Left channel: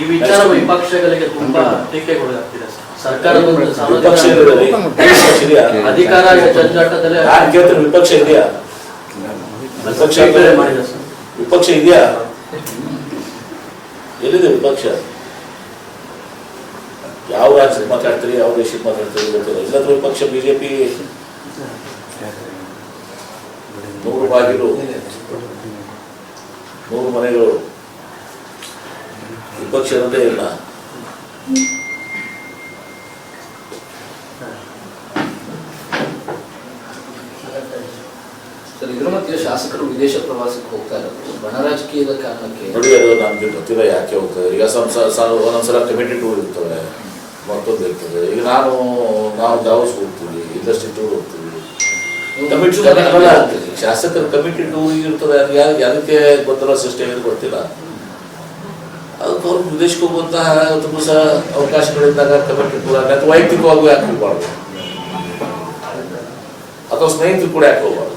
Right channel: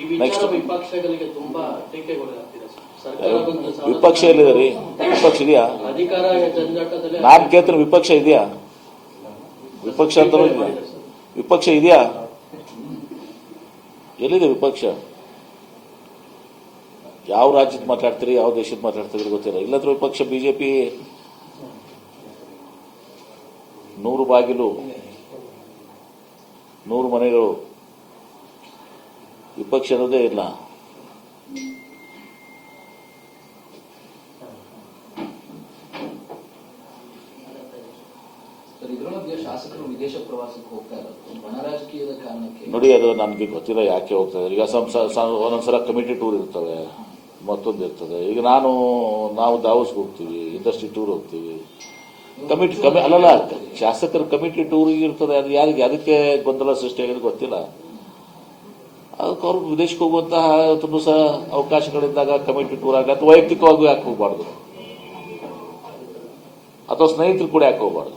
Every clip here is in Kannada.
ಈ ವಿಚಾರ ವಿಪಕ್ಷಗಳಿಗೆ ತುಂಬಾ ಟೀಕೆಗೊಳಗಾಗ್ತಿದೆ. ಸರ್ಕಾರದ ವಿಪಕ್ಷ ಅಧಿಕಾರ ಜಂಜಾಟದಲ್ಲಿ ನಾನು ಕೇಳ್ತೀನಿ, ವಿಪಕ್ಷ ಇದೆಯಾ? ವಿಪಕ್ಷ ಇದೆಯಾ? ಎಲ್ಲಿದೆ ವಿಪಕ್ಷ? ಯಾವ ರಾಜ್ಯದ ಮಾತಾಡ್ತೀರಿ, ಯಾವ ದೇಶದ ಮಾತಾಡ್ತೀರಿ ಗೊತ್ತಿಲ್ಲ. ಇಲ್ಲದ್ರೆ ವಿಪಕ್ಷ ಬಿಜೆಪಿ 100 ಬಾಗಿಲು 100 ಮನೆಗಳು ವಿಪಕ್ಷ ಇರೋದೇ ಇಲ್ಲ. ಇದರ ಮಧ್ಯೆ ಶಾಸಕರು ವಿದೇಶ ಪ್ರವಾಸಕ್ಕೆ ಹೋಗ್ತಾ ಇರೋದು ಬಣ ರಾಜಕೀಯದ ಕಾರಣಕ್ಕೆ ನೋಡಿ, ಅದು ನಮ್ಗೆ ಗೊತ್ತಿಲ್ಲ ಯಾಕೆ ಹೋಗ್ತದೆ. ಈಗ ಒಂದೊಂದ್ಸಲ ಕಮಿಟಿ ಟೂರ್ ಇರ್ತವೆ, ಮತ್ತೊಂದು ಇರ್ತದೆ. ಈಗ ನಾವು ದಾವಸ್ ಹೋಗ್ತೀವಿ, ಇಂಡಸ್ಟ್ರಿ ಟೂರ್ ಹೋಗ್ತೀವಿ. ಶಾಸಕರ ಕಮಿಟಿ ಟೂರಿಂಗ್ ಇರ್ತದೆ. ಅದು ಅದಕ್ಕೆ ಗೊಂದಲ ಸೃಷ್ಟಿ ಆಗೋದು ಗೊತ್ತಿಲ್ಲ. ಅದಕ್ಕೆ ಅವ್ರು ವಿದೇಶಕ್ಕೆ ಹೋಗುವಂತಹ ತುಂಬ ಸಹ ಅವಕಾಶಗಳಿದ್ದಾಗ ಕಮಿಟಿ ಟೂರ್ ಆಗ ಅಥವಾ ವೈಯಕ್ತಿಕವಾಗಿ ಯಾಕೆ ಹೋಗ್ಬಾರ್ದು, ಅಥವಾ ಸ್ನೇಹಿತರು ಕೂಡ ಯಾಕೆ ಹೋಗ್ಬಾರ್ದು.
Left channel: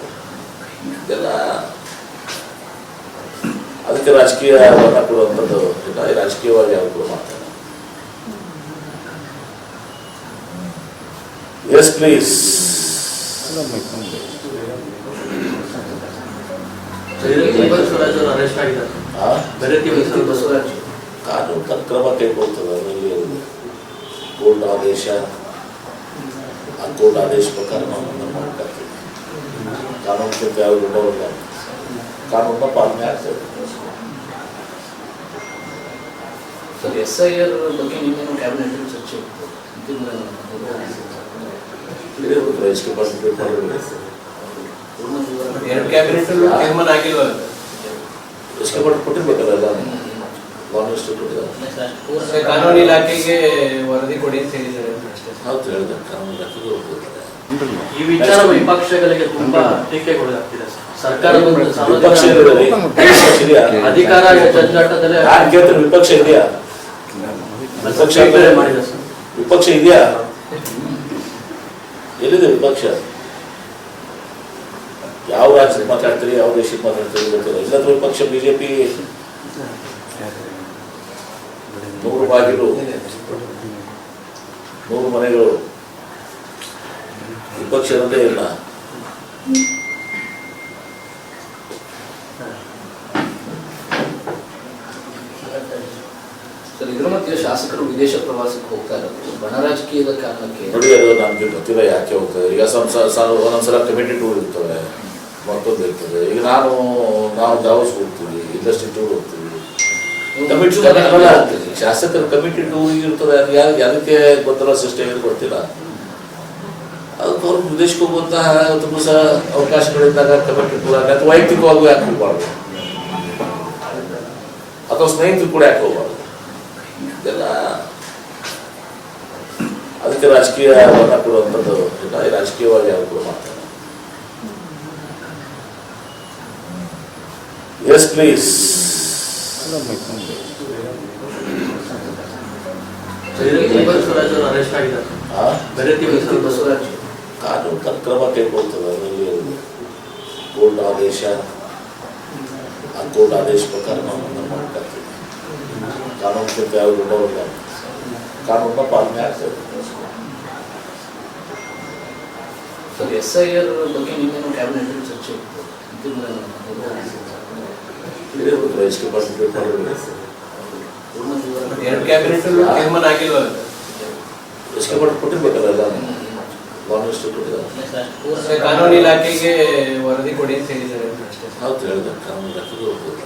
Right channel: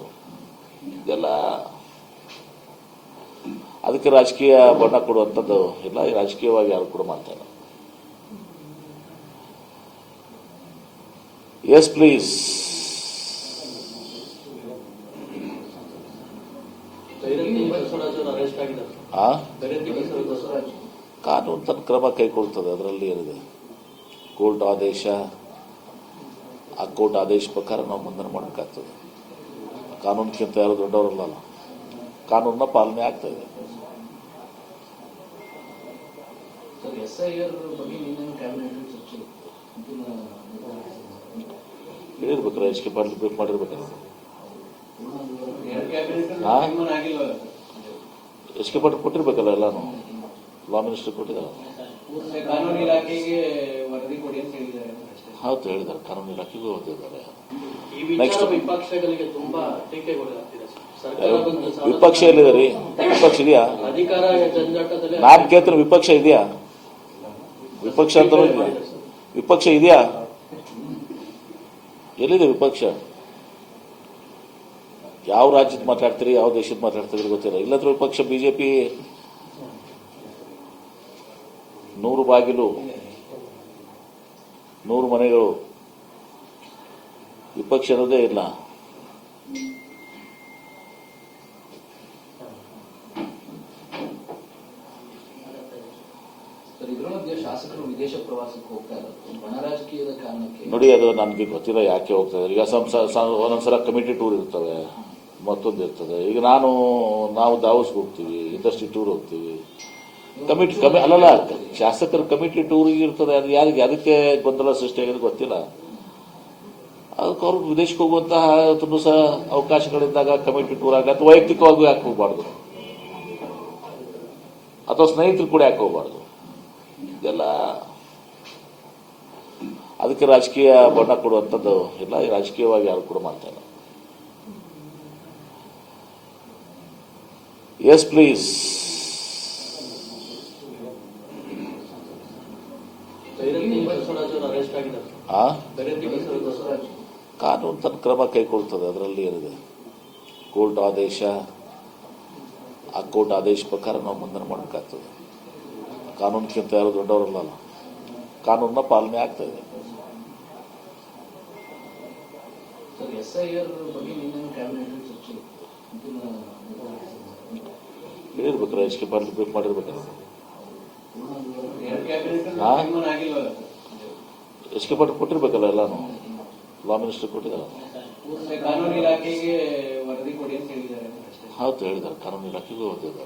ಇದೆಲ್ಲ ಅದಕ್ಕೆ ರಾಜಕೀಯ ಬಣ್ಣ ಕೊಡುವಂಥದ್ದು ಇಲ್ಲ. ರಾಜಕೀಯವಾಗಿ ಯಾವ ಕೂಡ ಮಾಡ್ತಾರೆ. Yes please. ಕಾನೂನು ತನ್ನ ಕ್ರಮ ಕೈಗೊಳ್ತದೆ. ಅದರಲ್ಲಿ ಕೋರ್ಟ್ ಆದೇಶ, ಆ ಕೋರ್ಟ್ ಆದೇಶ ಪ್ರಕಾರ ನಾವು ಮಾಡ್ತೀವಿ. ಕಾನೂನಿಗಿಂತ ಯಾರು ದೊಡ್ಡವಲ್ಲ, ಕಾನೂನ ಪಾಲನೆ ಆಗ್ತದೆ. SIR ಬಗ್ಗೆ ನಿನ್ನೆ ಕ್ಯಾಬಿನೆಟ್ ಚರ್ಚೆ ರಾಜಕೀಯ ಪಾರ್ಟಿಸಿಪೇಟ್ ಮಾಡಿದ್ರೆ ಎಷ್ಟು ಕೊಟ್ಟಿರ್ಬೇಕಲ್ಲ ಎಲ್ಲ. ಕಾನೂನು ಇಲಾಖೆಗೆ ವರದಿ ಕೊಡಿ ಅಂತ ಹೇಳಿದ್ದಾರೆ. ಹೌದು, ಹೇಳಿದೆ ಕಾನೂನು ಇಲಾಖೆಗೆ ಈ ವಿಚಾರ ವಿಪಕ್ಷಗಳಿಗೆ ತುಂಬಾ ಟೀಕೆಗೊಳಗಾಗ್ತಿದೆ. ಸರ್ಕಾರದ ವಿಪಕ್ಷ ಇದೆಯಾ? ಅಧಿಕಾರ ಜಂಜಾಟದಲ್ಲಿ ನಾನು ಕೇಳ್ತೀನಿ, ವಿಪಕ್ಷ ಇದೆಯಾ? ವಿಪಕ್ಷ ಇದೆಯಾ? ಎಲ್ಲಿದೆ ವಿಪಕ್ಷ? ಯಾವ ರಾಜ್ಯದ ಮಾತಾಡ್ತೀರಿ, ಯಾವ ದೇಶದ ಮಾತಾಡ್ತೀರಿ ಗೊತ್ತಿಲ್ಲ. ಇಲ್ಲದ್ರೆ ವಿಪಕ್ಷ ಬಿಜೆಪಿ 100 ಬಾಗಿಲು 100 ಮನೆಗಳು ವಿಪಕ್ಷ ಇರೋದೇ ಇಲ್ಲ. ಇದರ ಮಧ್ಯೆ ಶಾಸಕರು ವಿದೇಶ ಪ್ರವಾಸಕ್ಕೆ ಹೋಗ್ತಾ ಇರೋದು ಬಣ ರಾಜಕೀಯದ ಕಾರಣಕ್ಕೆ ನೋಡಿ, ಅದು ನಮ್ಗೆ ಗೊತ್ತಿಲ್ಲ ಯಾಕೆ ಹೋಗ್ತದೆ. ಈಗ ಒಂದೊಂದ್ಸಲ ಕಮಿಟಿ ಟೂರ್ ಇರ್ತವೆ, ಮತ್ತೊಂದು ಇರ್ತದೆ. ಈಗ ನಾವು ದಾವಸ್ ಹೋಗ್ತೀವಿ, ಇಂಡಸ್ಟ್ರಿ ಟೂರ್ ಹೋಗ್ತೀವಿ. ಶಾಸಕರ ಕಮಿಟಿ ಟೂರಿಂಗ್ ಇರ್ತದೆ. ಅದು ಅದಕ್ಕೆ ಗೊಂದಲ ಸೃಷ್ಟಿ ಆಗೋದು ಗೊತ್ತಿಲ್ಲ. ಅದಕ್ಕೆ ಅವ್ರು ವಿದೇಶಕ್ಕೆ ಹೋಗುವಂತಹ ತುಂಬ ಸಹ ಅವಕಾಶಗಳಿದ್ದಾಗ ಕಮಿಟಿ ಟೂರ್ ಆಗ ಅಥವಾ ವೈಯಕ್ತಿಕವಾಗಿ ಯಾಕೆ ಹೋಗ್ಬಾರ್ದು, ಅಥವಾ ಸ್ನೇಹಿತರು ಕೂಡ ಯಾಕೆ ಹೋಗ್ಬಾರ್ದು. ಇದೆಲ್ಲ ಅದಕ್ಕೆ ರಾಜಕೀಯ ಬಣ್ಣ ಕೊಡುವಂಥದ್ದು ಇಲ್ಲ. ರಾಜಕೀಯವಾಗಿ ಯಾವ ಕೂಡ ಮಾಡ್ತಾರೆ. Yes please. ಕಾನೂನು ತನ್ನ ಕ್ರಮ ಕೈಗೊಳ್ತದೆ. ಅದರಲ್ಲಿ ಕೋರ್ಟ್ ಆದೇಶ, ಆ ಕೋರ್ಟ್ ಆದೇಶ ಪ್ರಕಾರ ನಾವು ಮಾಡ್ತೀವಿ. ಕಾನೂನಿಗಿಂತ ಯಾರು ದೊಡ್ಡವಲ್ಲ, ಕಾನೂನ ಪಾಲನೆ ಆಗ್ತದೆ. SIR ಬಗ್ಗೆ ನಿನ್ನೆ ಕ್ಯಾಬಿನೆಟ್ ಚರ್ಚೆ ರಾಜಕೀಯ ಪಾರ್ಟಿಸಿಪೇಟ್ ಮಾಡಿದ್ರೆ ಎಷ್ಟು ಕೊಟ್ಟಿರ್ಬೇಕಲ್ಲ ಎಲ್ಲ. ಕಾನೂನು ಇಲಾಖೆಗೆ ವರದಿ ಕೊಡಿ ಅಂತ ಹೇಳಿದ್ದಾರೆ. ಹೌದು, ಹೇಳಿದೆ ಕಾನೂನು ಇಲಾಖೆಗೆ ಹೋಗ್ಬೋದು.